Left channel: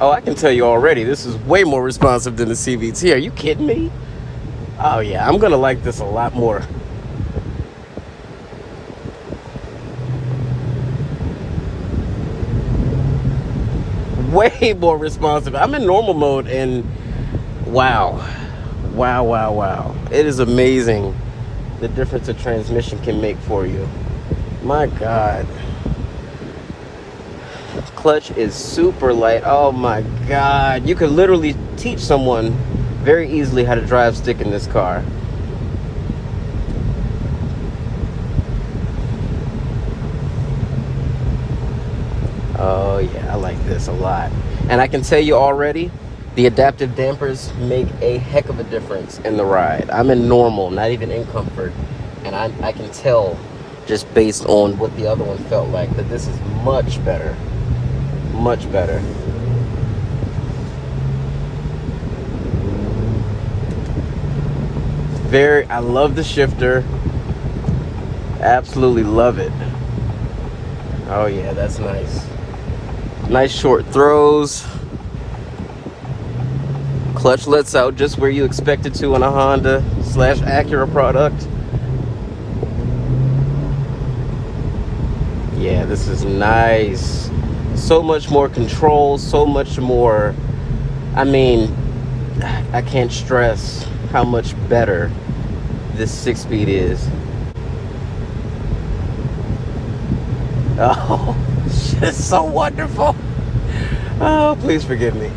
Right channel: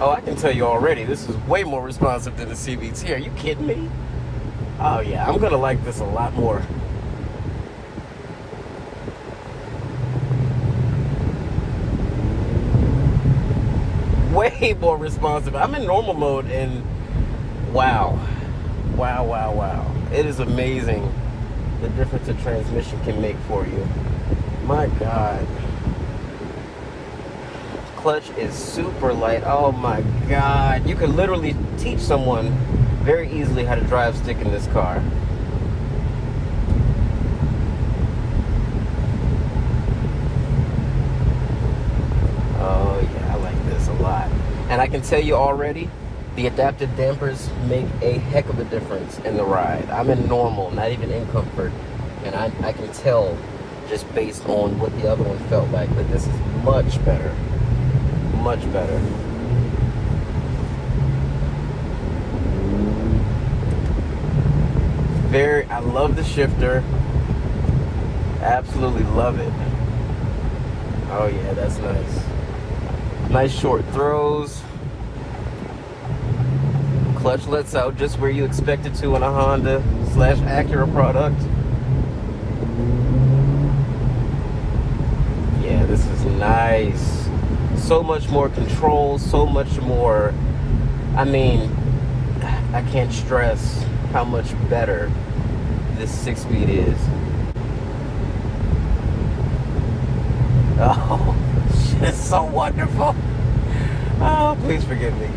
Oh, I can tell you already, this is way more responsive than the CVT. Are you kidding me? Oh yeah, I'm gonna like this a lot more. Way more responsive. I'm in normal mode and wow. Wow, wow, wow. It is amazing the difference a transmission can make for you. My God. Clutch is super light. Oh my God. You could literally teach someone very easily how to drive stick in this car. Oh yeah, I like this a lot. And I can tell you already, the adaptive dampers make a heck of a difference in the ride. I'm in normal, not even in comfort. And I can tell just based on what the other one felt like that this is much better. Much better. I love the shifter. Absolutely love it. Oh yeah, that's nice. Nice short throws. Clutch lets out just where you expect it to in a Honda / Acura product. Yeah, this is nice. So much more control, so much more. I mean, I can't stress how much better this 6-speed is. Oh, it's so wonderful. Oh, please forgive me.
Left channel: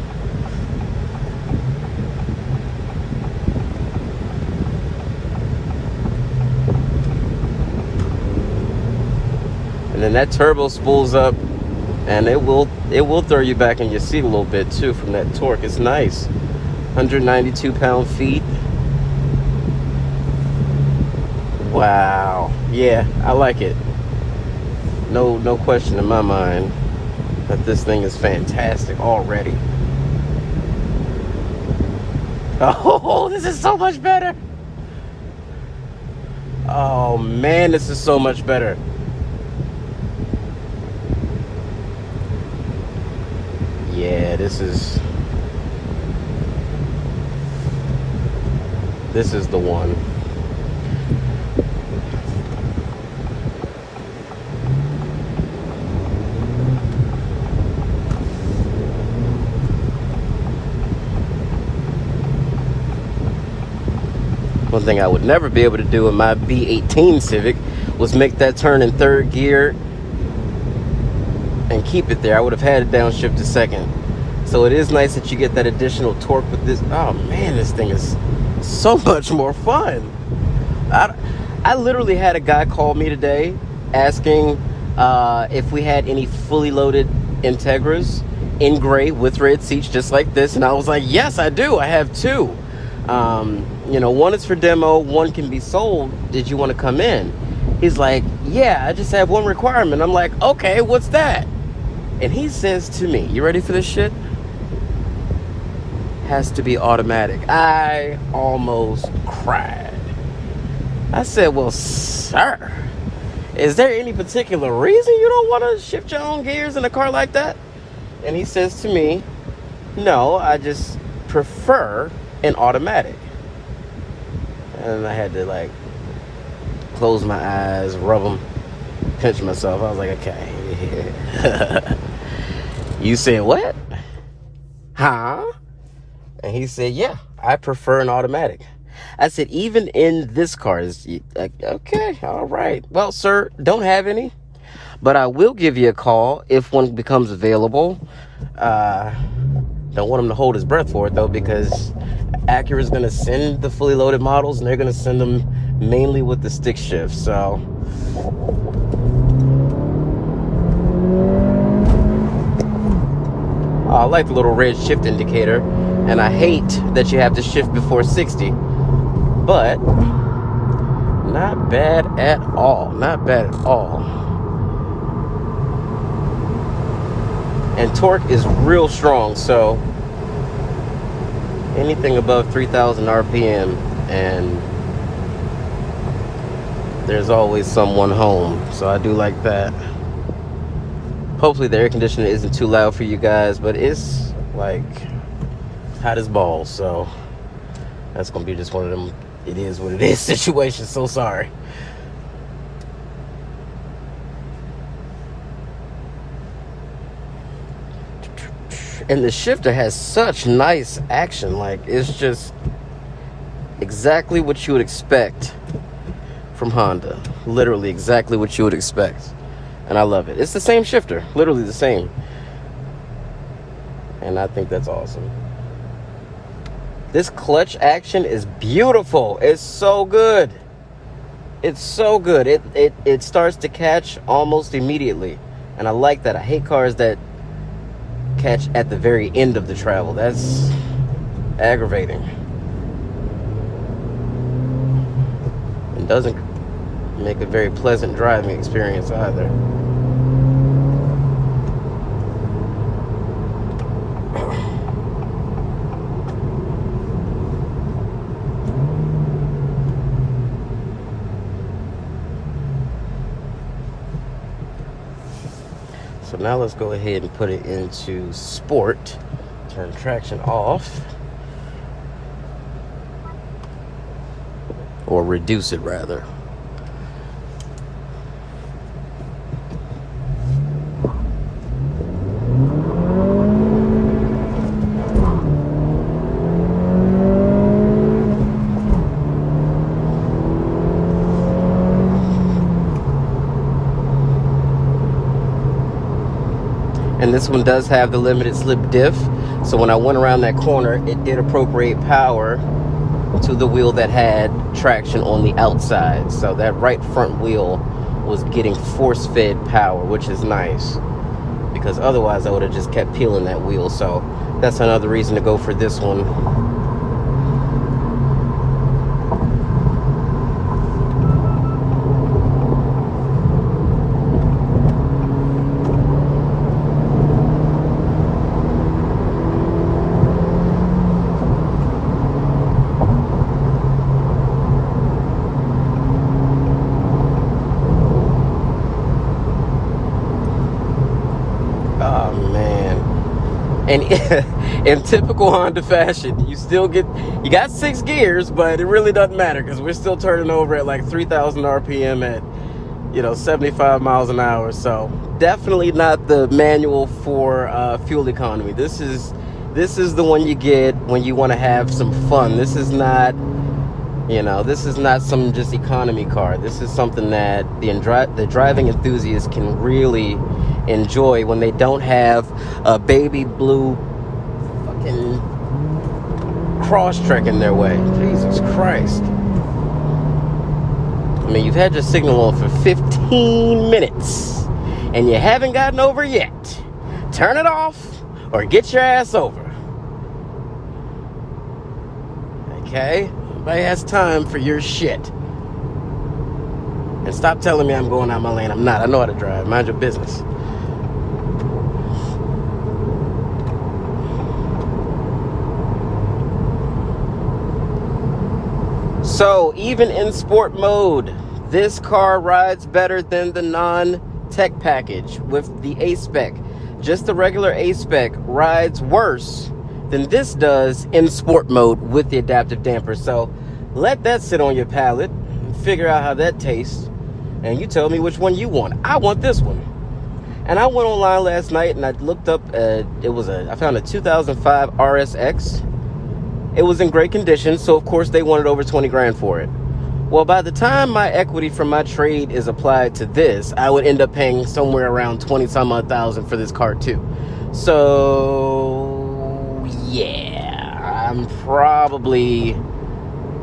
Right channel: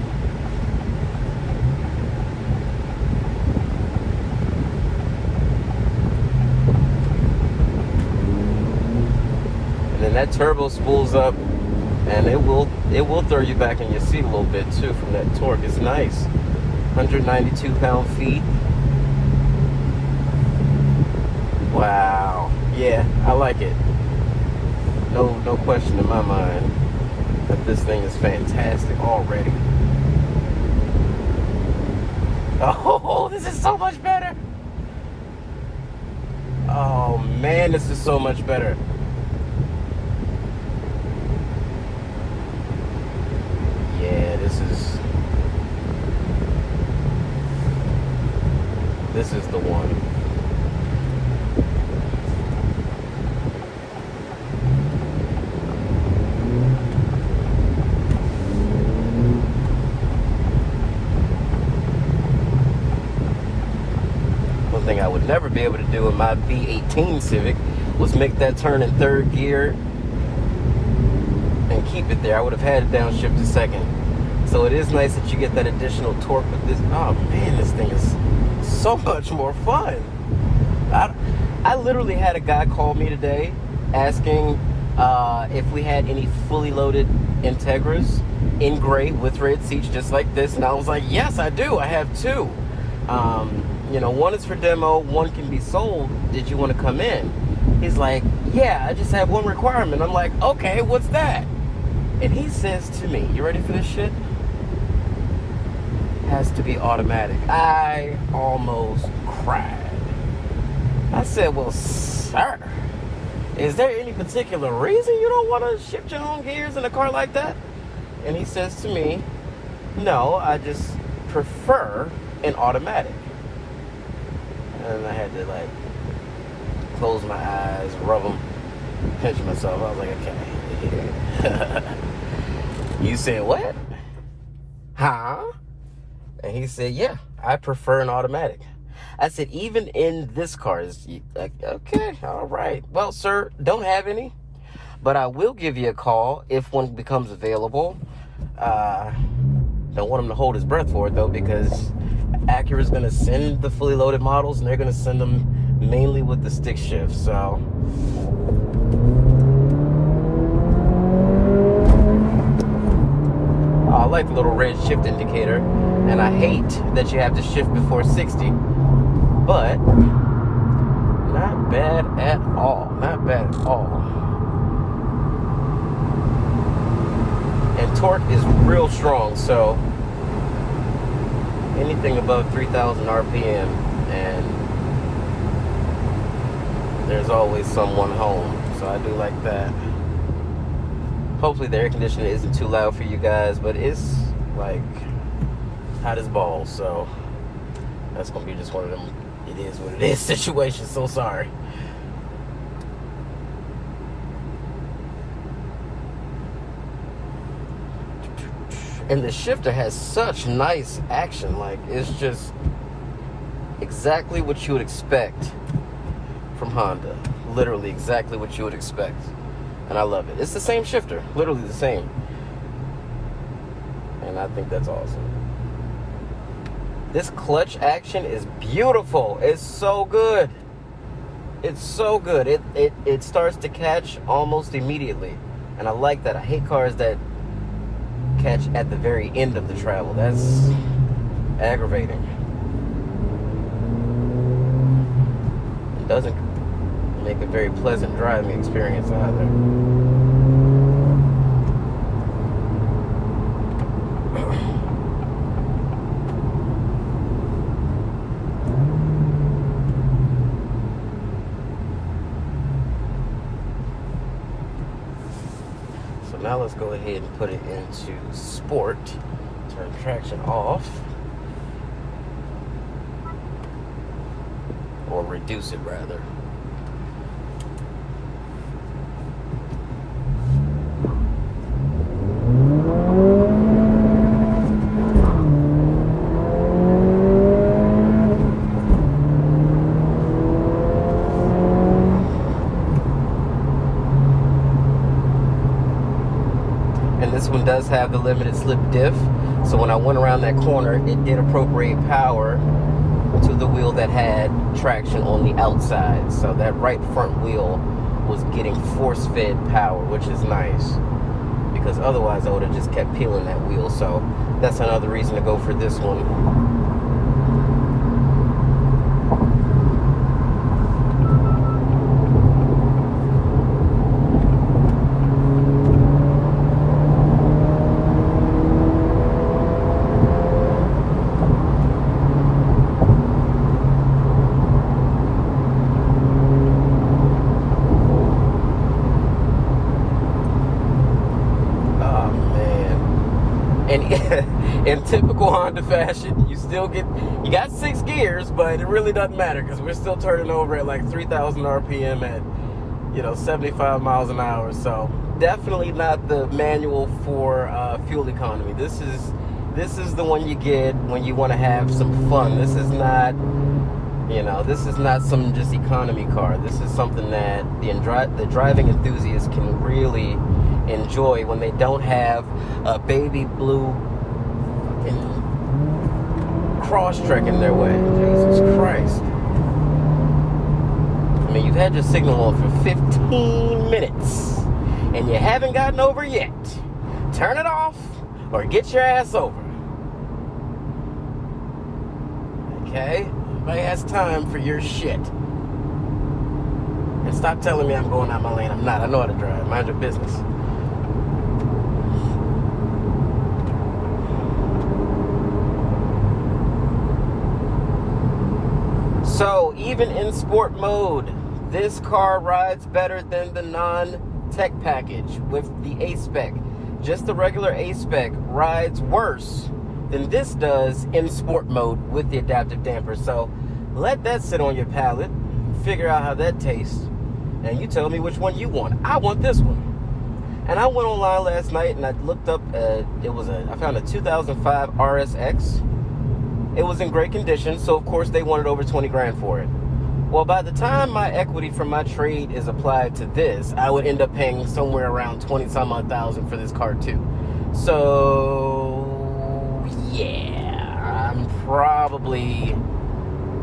And then that turbo spools up, and it will throw you back in your seat a little bit too from that torque. It's nice. 192 pound-feet. Wow. Yeah, I like it. No question in my mind that this thing is fantastic already. Oh, this is so much better. Oh man, this is so much better. Yeah, this is the one. One thing I would never be able to do in my B18 Civic was make that turn in third gear and keep it there. I would have had it downshift to second. So it is nice that you get that additional torque with this. Oh man, this thing is so much more fun. I literally had a guy call me today asking if we had any fully loaded Integras in gray with red seats just like this, and I was like, yes, I do. I have two. You know, one is for demo, one can be sold. Did you want to come in? He's like, yeah, I just have one requirement. I'm like, okay, what's that? And he says to me, you ready for this shit? Has to be automatic. I almost cried. I said, well, sir, is there any particular reason you don't want to shift your own gears in a car like that? And he says to me, no, I just prefer an automatic. And I had to like close my eyes, rub them, pinch myself. I was like, okay. You said what? Huh? And he said, yeah, I prefer an automatic. I said, even in this car, is okay, all right. Well, sir, don't have any, but I will give you a call if one becomes available. Don't want him to hold his breath for it though, because Acura's going to send the fully loaded models, and they're going to send them mainly with the stick shift. So I like the little red shift indicator, and I hate that you have to shift before 60, but not bad at all. Not bad at all. And torque is real strong, so anything above 3,000 RPM and there's always someone home, so I do like that. Hopefully the air conditioner isn't too loud for you guys, but it's like hot as balls. So that's gonna be just one of them it is what it is situations. So sorry. And the shifter has such nice action. Like, it's just exactly what you would expect from Honda. Literally exactly what you would expect. And I love it. It's the same shifter, literally the same. And I think that's awesome. This clutch action is beautiful. It's so good. It's so good. It starts to catch almost immediately. And I like that. I hate cars that catch at the very end of the travel. That's aggravating. It doesn't make a very pleasant driving experience either. So now let's go ahead and put it into sport. Turn traction off. Or reduce it rather. And this one does have the limited slip diff, so when I went around that corner, it did appropriate power to the wheel that had traction on the outside. So that right front wheel was getting force-fed power, which is nice, because otherwise I would have just kept peeling that wheel. So that's another reason to go for this one. And in typical Honda fashion, you got 6 gears, but it really doesn't matter because we're still turning over at like 3,000 RPM at 75 miles an hour. So definitely not the manual for fuel economy. This is the one you get when you want to have some fun. This is not some just economy car. This is something that the driving enthusiast can really enjoy when they don't have a baby blue Crosstrek in their way. Jesus Christ. I mean, you've had your signal on for 15 minutes and you haven't gotten over yet. Turn it off or get your ass over. Okay? Nobody has time for your shit. And stop telling me I'm going out my lane. I'm not. I know how to drive. Mind your business. So even in sport mode, this car rides better than the non-tech package with the A-Spec. Just the regular A-Spec rides worse than this does in sport mode with the adaptive damper. So let that sit on your palate, figure out how that tastes, and you tell me which one you want. I want this one. And I went online last night and I looked up, I found a 2005 RSX. It was in great condition, so of course they wanted over 20 grand for it. Well, by the time my equity from my trade is applied to this, I would end up paying somewhere around 20-some odd thousand for this car too. So yeah, I'm probably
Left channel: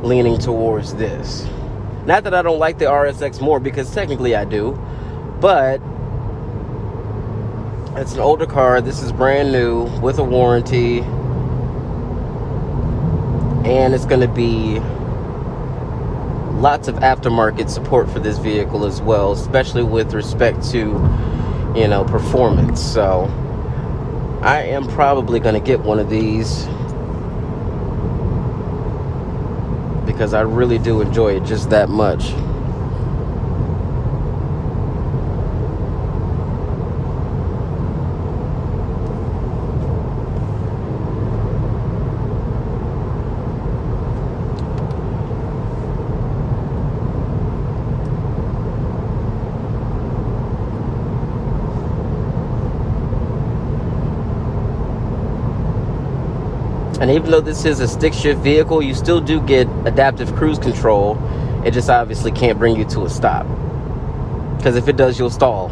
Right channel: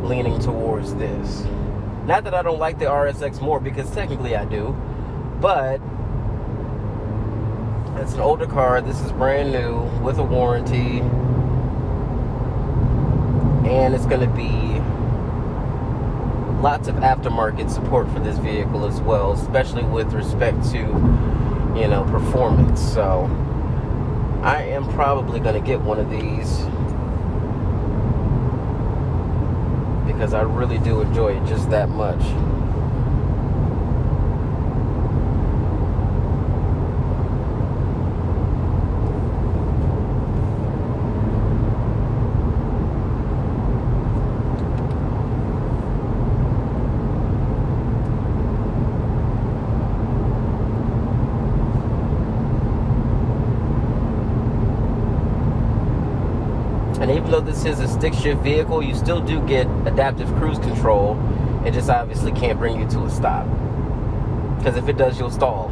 leaning towards this. Not that I don't like the RSX more, because technically I do, but it's an older car. This is brand new with a warranty. And it's going to be lots of aftermarket support for this vehicle as well, especially with respect to, performance. So I am probably going to get one of these because I really do enjoy it just that much. even though this is a stick shift vehicle, you still do get adaptive cruise control. It just obviously can't bring you to a stop, because if it does, you'll stall.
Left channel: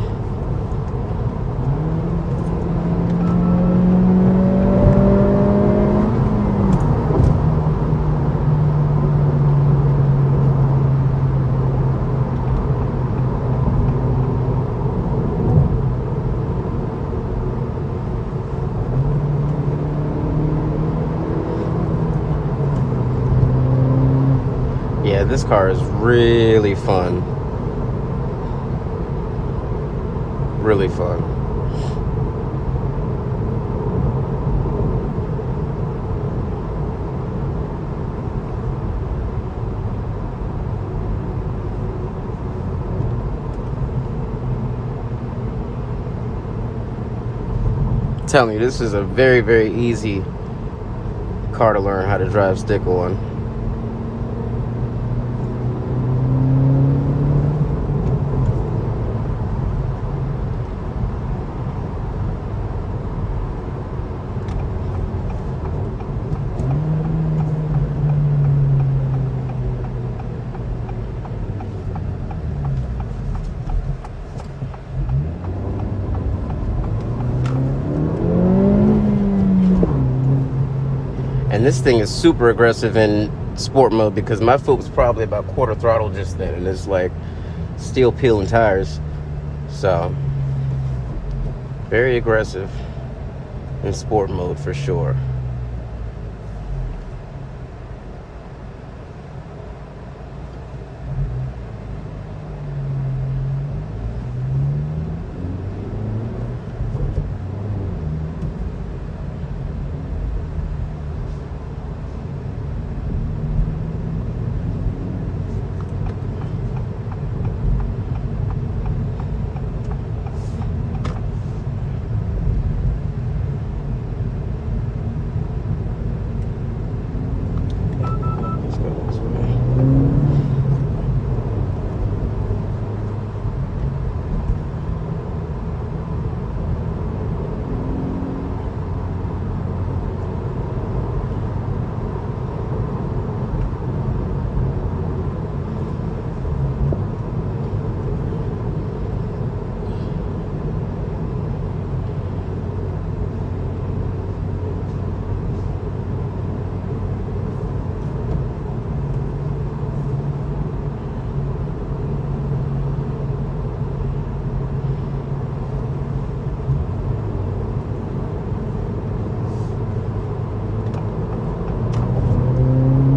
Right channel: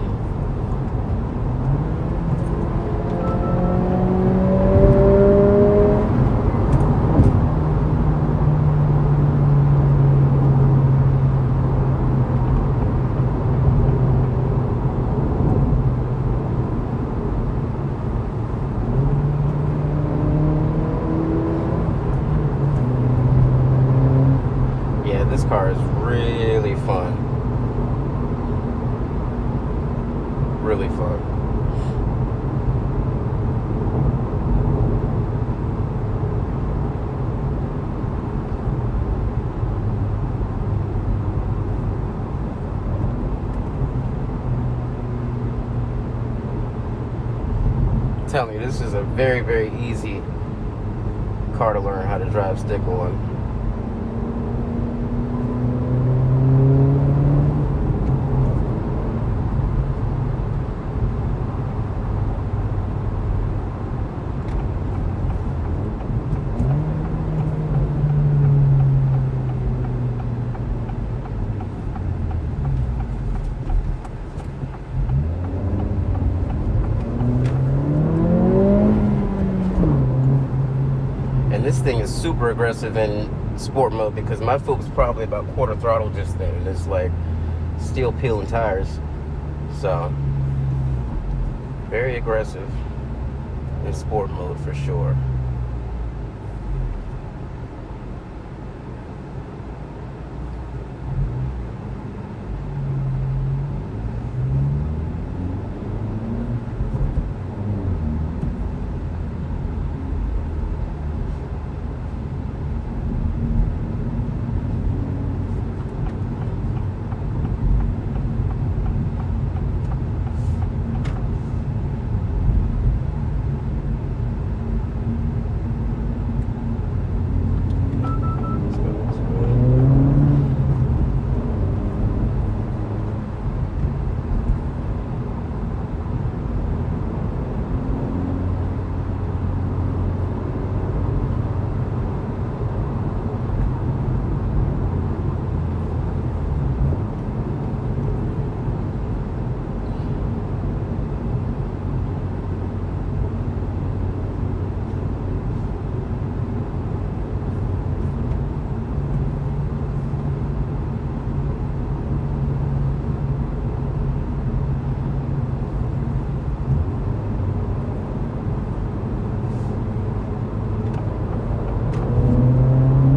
This car is really fun. Really fun. I'm telling you, this is a very, very easy car to learn how to drive stick on. This thing is super aggressive in sport mode because my foot was probably about quarter throttle just then, and it's like steel peeling tires. So very aggressive in sport mode for sure.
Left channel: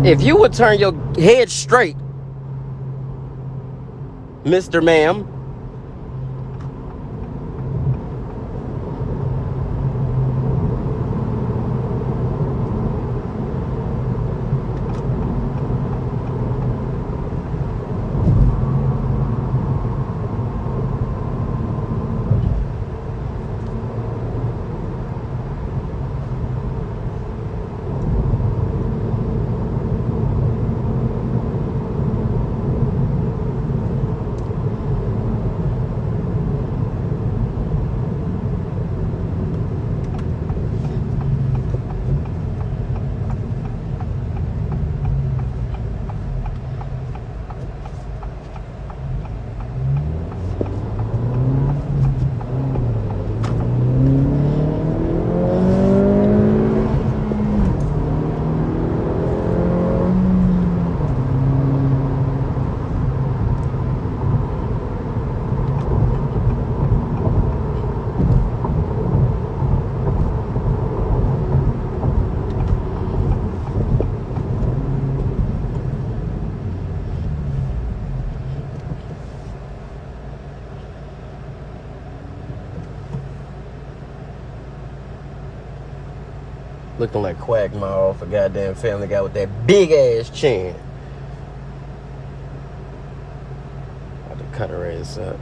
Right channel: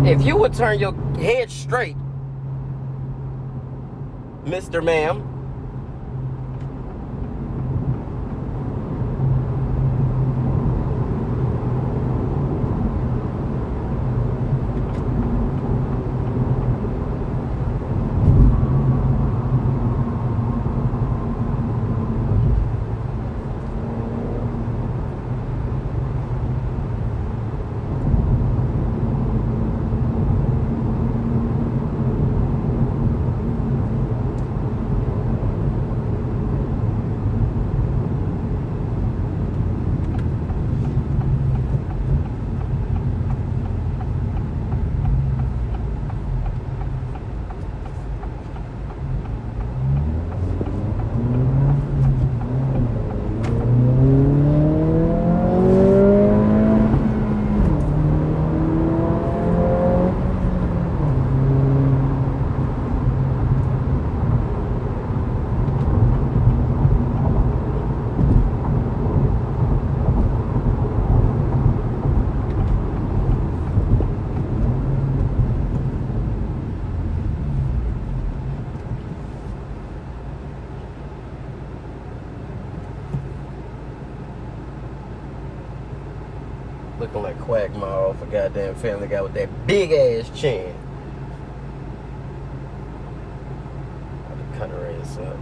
If you would turn your head straight, Mr. Ma'am. Looking like Quagmire off a goddamn Family Guy with that big ass chin. I'll cut her ass up.